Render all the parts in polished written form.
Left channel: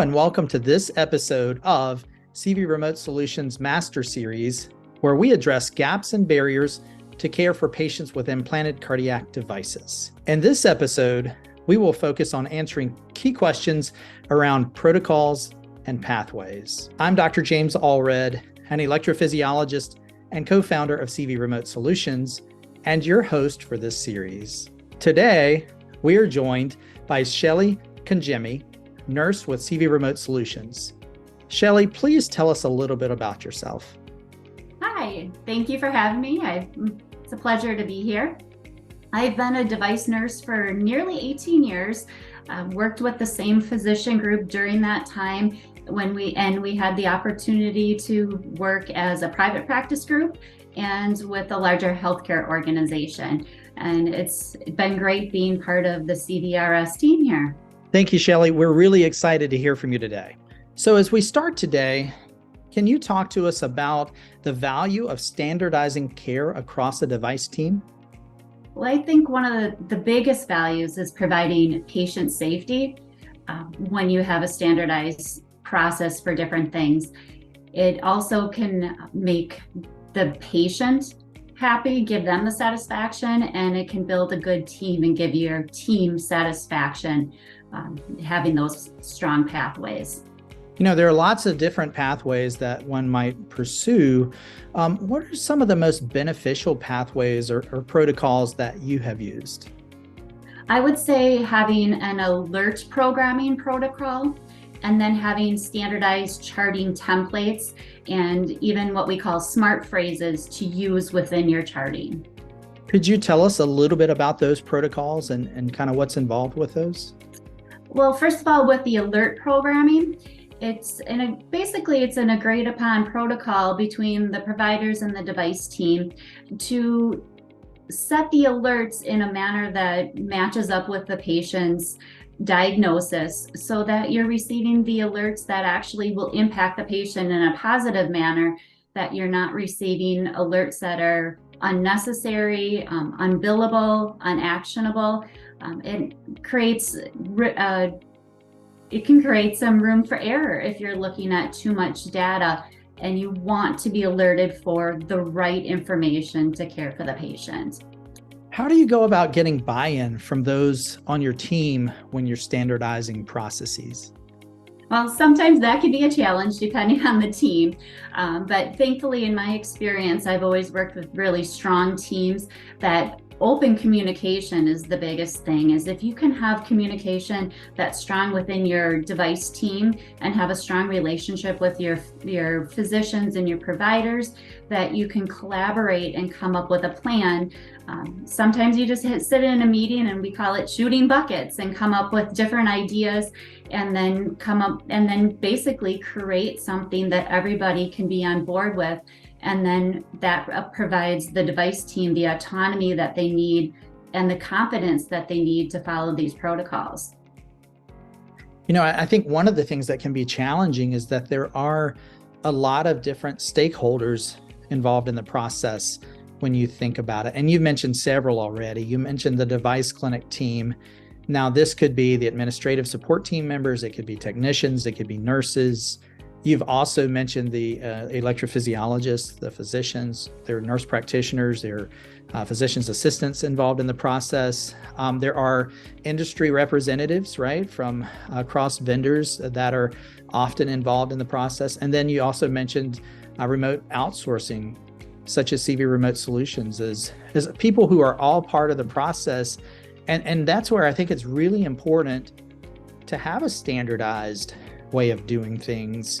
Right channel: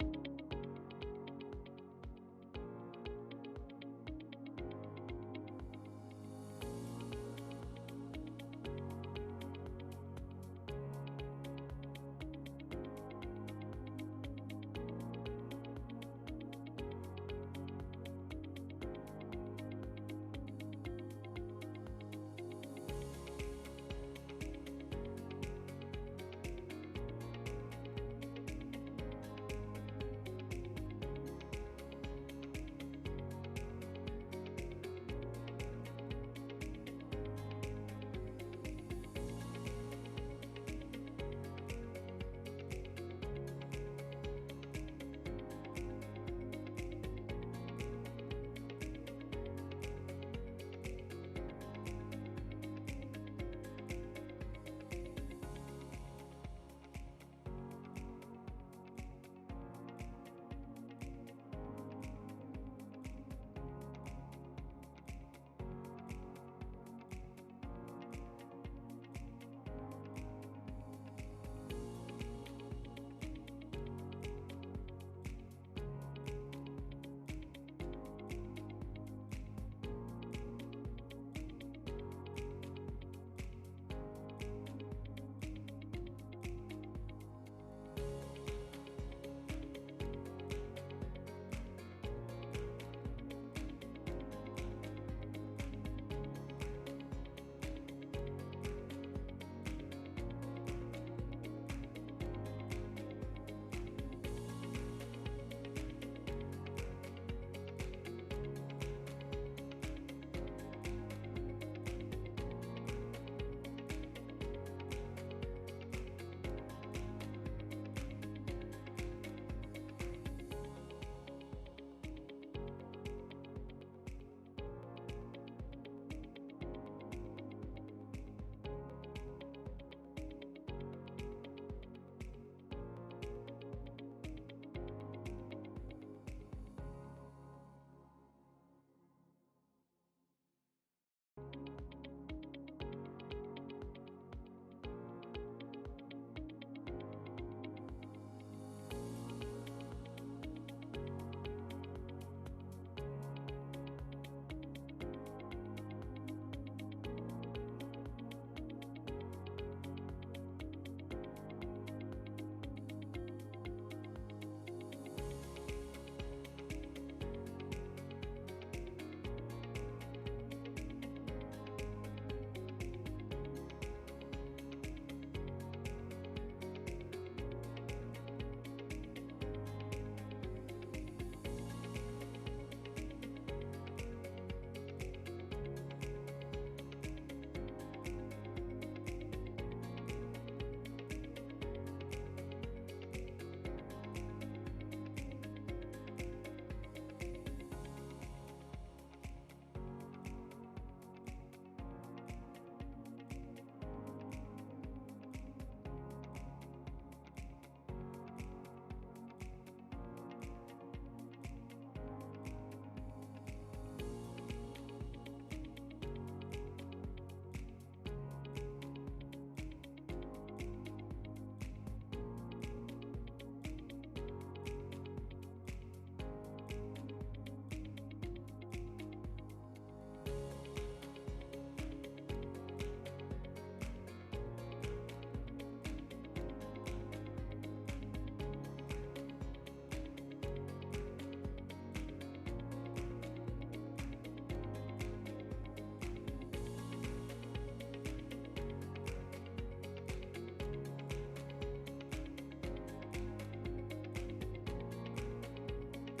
Hello and welcome to this episode of CV Remote Solutions Master Series, where we address gaps and barriers to care for patients with implanted cardiac devices. In this episode, we will focus on answering key questions around protocols and pathways. I'm Dr. James Allred, an electrophysiologist and co-founder of CV Remote Solutions, and your host for this series. Today, we are joined by Shelly Kangemi, nurse with CV Remote Solutions. Shelly, please tell us a little bit about yourself. Hi, thank you for having me. It's a pleasure to be here. I've been a device nurse for nearly 18 years. I've worked with the same physician group during that time when we had the opportunity to work as a private practice group and with a larger healthcare organization. And it's been great being part of the CVRS team here. Thank you, Shelly. We're really excited to hear from you today. So as we start today, can you talk to us about the value of standardizing care across a device team? Well, I think one of the biggest values is providing patient safety when you have a standardized process for different things. It also can make the patient happy, give them the satisfaction, and it can build a good team and give your team satisfaction, having those strong pathways. You know, there are lots of different pathways that one might pursue. What are some of the most beneficial pathways or protocols that you have used? I would say having an alert programming protocol, and then having standardized charting templates and even what we call smart phrases to use within your charting. Could you tell us a little bit about those protocols and kind of what's involved with those? Well, first of all, with the alert programming, it's an agreed upon protocol between the providers and the device team to set the alerts in a manner that matches up with the patient's diagnosis so that you're receiving the alerts that actually will impact the patient in a positive manner, that you're not receiving alerts that are unnecessary, unbillable, unactionable. It can create some room for error if you're looking at too much data and you want to be alerted for the right information to care for the patient. How do you go about getting buy-in from those on your team when you're standardizing processes? Well, sometimes that can be a challenge depending on the team. But thankfully, in my experience, I've always worked with really strong teams that open communication is the biggest thing. Is if you can have communication that's strong within your device team and have a strong relationship with your physicians and your providers, that you can collaborate and come up with a plan. Sometimes you just sit in a meeting, and we call it shooting buckets, and come up with different ideas and then basically create something that everybody can be on board with. And then that provides the device team the autonomy that they need and the confidence that they need to follow these protocols. You know, I think one of the things that can be challenging is that there are a lot of different stakeholders involved in the process when you think about it. And you've mentioned several already. You mentioned the device clinic team. Now, this could be the administrative support team members, it could be technicians, it could be nurses. You've also mentioned the electrophysiologists, the physicians, there are nurse practitioners, there are physician's assistants involved in the process. There are industry representatives, right, from across vendors that are often involved in the process. And then you also mentioned remote outsourcing, such as CV Remote Solutions, as people who are all part of the process. And that's where I think it's really important to have a standardized way of doing things.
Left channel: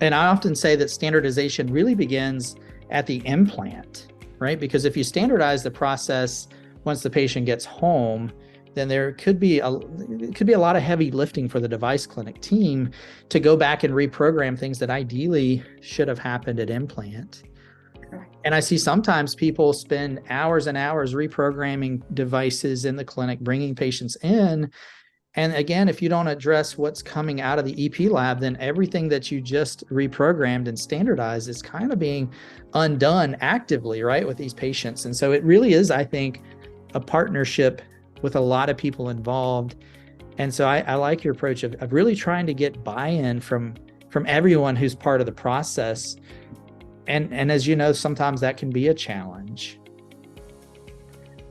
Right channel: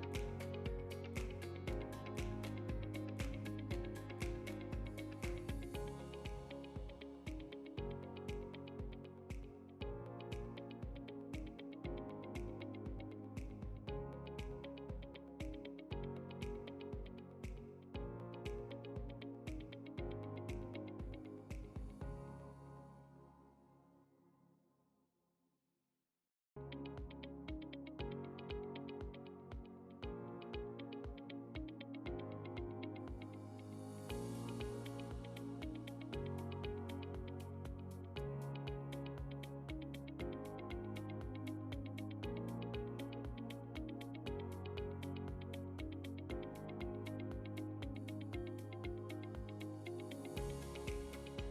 And I often say that standardization really begins at the implant, right? Because if you standardize the process once the patient gets home, then there could be a lot of heavy lifting for the device clinic team to go back and reprogram things that ideally should have happened at implant. And I see sometimes people spend hours and hours reprogramming devices in the clinic, bringing patients in. And again, if you don't address what's coming out of the EP lab, then everything that you just reprogrammed and standardized is kind of being undone actively, right, with these patients. And so it really is, I think, a partnership with a lot of people involved. And so I like your approach of really trying to get buy-in from everyone who's part of the process. And as you know, sometimes that can be a challenge.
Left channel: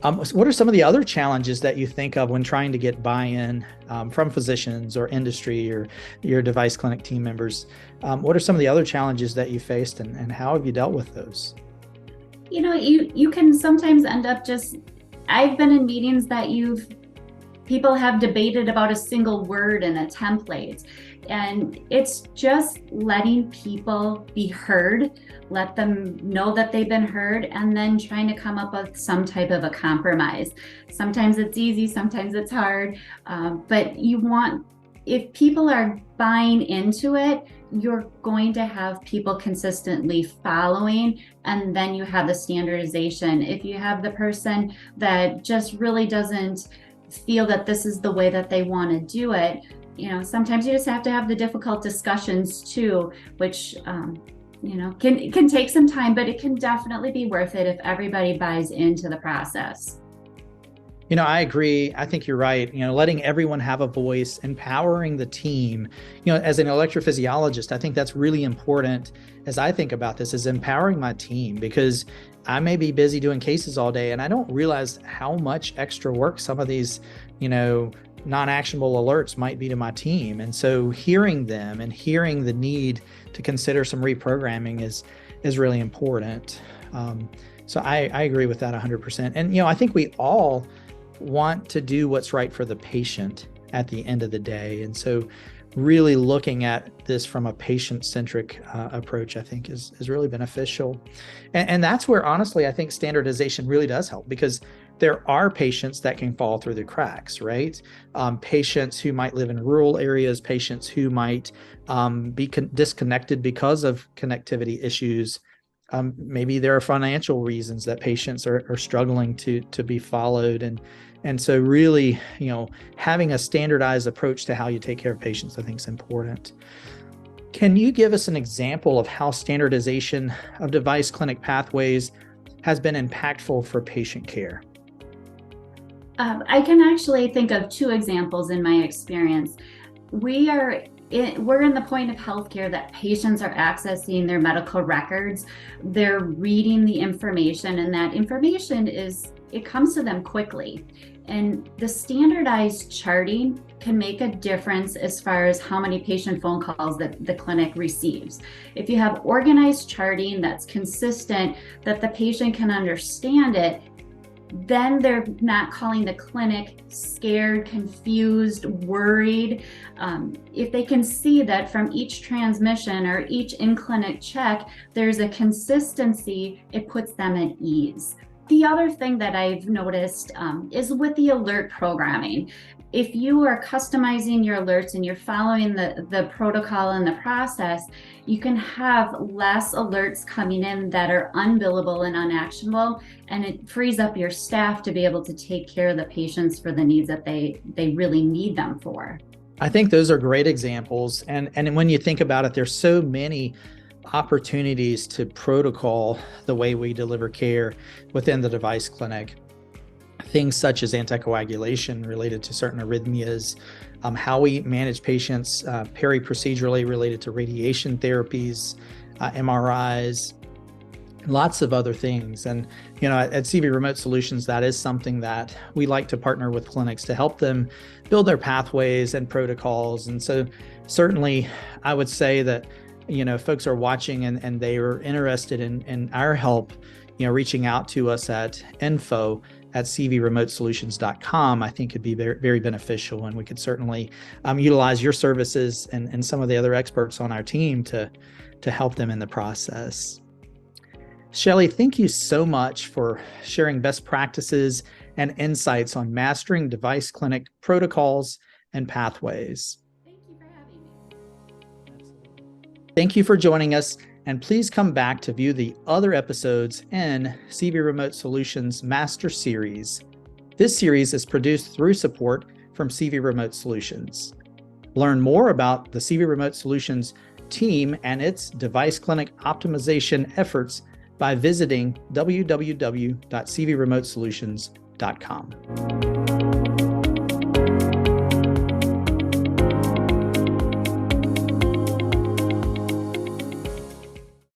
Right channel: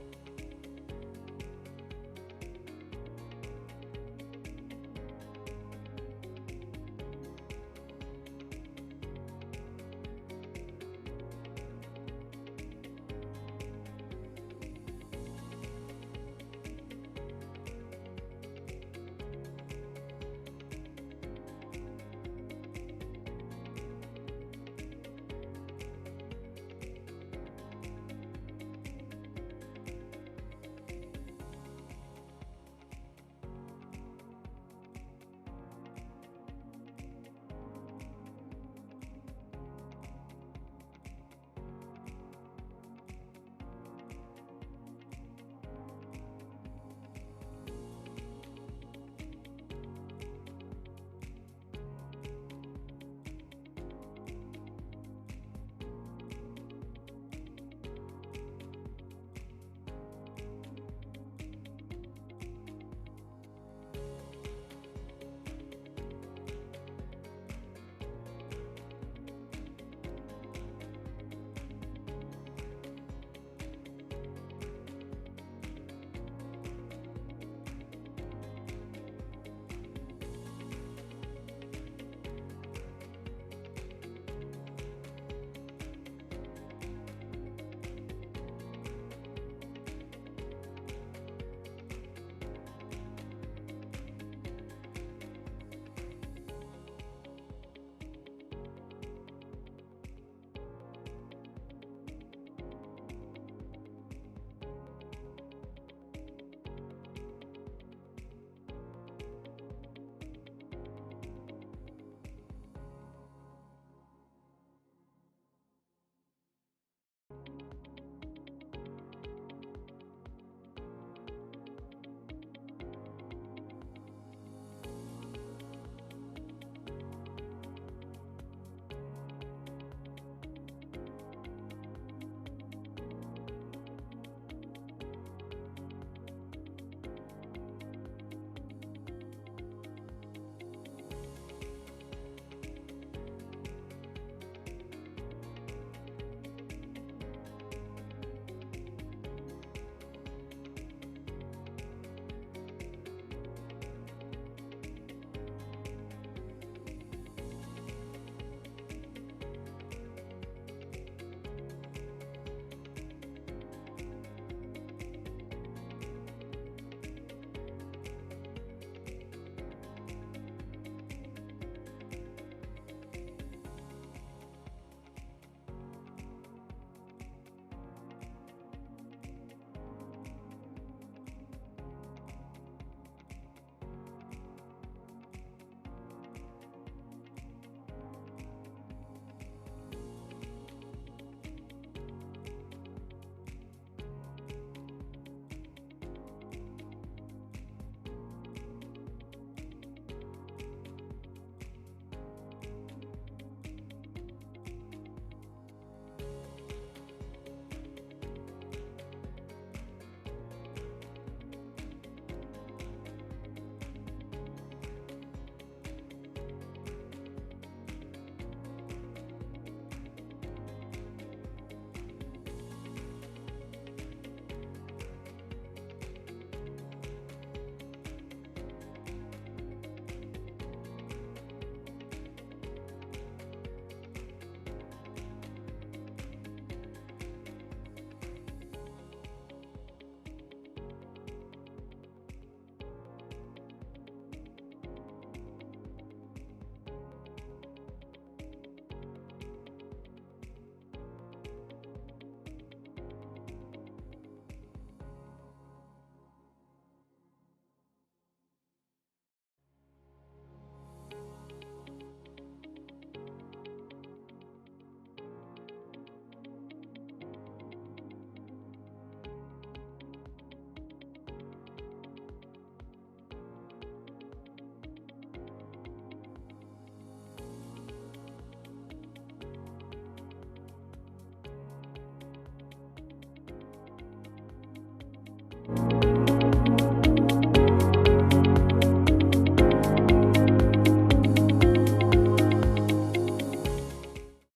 What are some of the other challenges that you think of when trying to get buy-in from physicians or industry or your device clinic team members? What are some of the other challenges that you faced, and how have you dealt with those? You know, you can sometimes end up I've been in meetings that people have debated about a single word in a template, and it's just letting people be heard, let them know that they've been heard, and then trying to come up with some type of a compromise. Sometimes it's easy, sometimes it's hard, but if people are buying into it, you're going to have people consistently following, and then you have the standardization. If you have the person that just really doesn't feel that this is the way that they want to do it, sometimes you just have to have the difficult discussions too, which can take some time, but it can definitely be worth it if everybody buys into the process. I agree. I think you're right. Letting everyone have a voice, empowering the team. As an electrophysiologist, I think that's really important as I think about this, is empowering my team, because I may be busy doing cases all day and I don't realize how much extra work some of these, non-actionable alerts might be to my team. And so hearing them and hearing the need to consider some reprogramming is really important. So I agree with that 100%. And, I think we all want to do what's right for the patient at the end of the day. And so really looking at this from a patient-centric approach, I think is really beneficial. And that's where, honestly, I think standardization really does help, because there are patients that can fall through the cracks, right? Patients who might live in rural areas, patients who might be disconnected because of connectivity issues. Maybe there are financial reasons that patients are struggling to be followed. And so really, having a standardized approach to how you take care of patients, I think is important. Can you give us an example of how standardization of device clinic pathways has been impactful for patient care? I can actually think of two examples in my experience. We're in the point of healthcare that patients are accessing their medical records. They're reading the information, and that information it comes to them quickly. And the standardized charting can make a difference as far as how many patient phone calls that the clinic receives. If you have organized charting that's consistent, that the patient can understand it, then they're not calling the clinic scared, confused, worried. If they can see that from each transmission or each in-clinic check, there's a consistency, it puts them at ease. The other thing that I've noticed is with the alert programming. If you are customizing your alerts and you're following the protocol and the process, you can have less alerts coming in that are unbillable and unactionable, and it frees up your staff to be able to take care of the patients for the needs that they really need them for. I think those are great examples. And when you think about it, there's so many opportunities to protocol the way we deliver care within the device clinic. Things such as anticoagulation related to certain arrhythmias, how we manage patients peri-procedurally related to radiation therapies, MRIs, lots of other things. And, at CV Remote Solutions, that is something that we like to partner with clinics to help them build their pathways and protocols. And so certainly I would say that, folks are watching and they are interested in our help, reaching out to us at info@cvremotesolutions.com, I think could be very, very beneficial. And we could certainly utilize your services and some of the other experts on our team to help them in the process. Shelley, thank you so much for sharing best practices and insights on mastering device clinic protocols and pathways. Thank you for joining us, and please come back to view the other episodes in CV Remote Solutions Master Series. This series is produced through support from CV Remote Solutions. Learn more about the CV Remote Solutions team and its device clinic optimization efforts by visiting www.cvremotesolutions.com.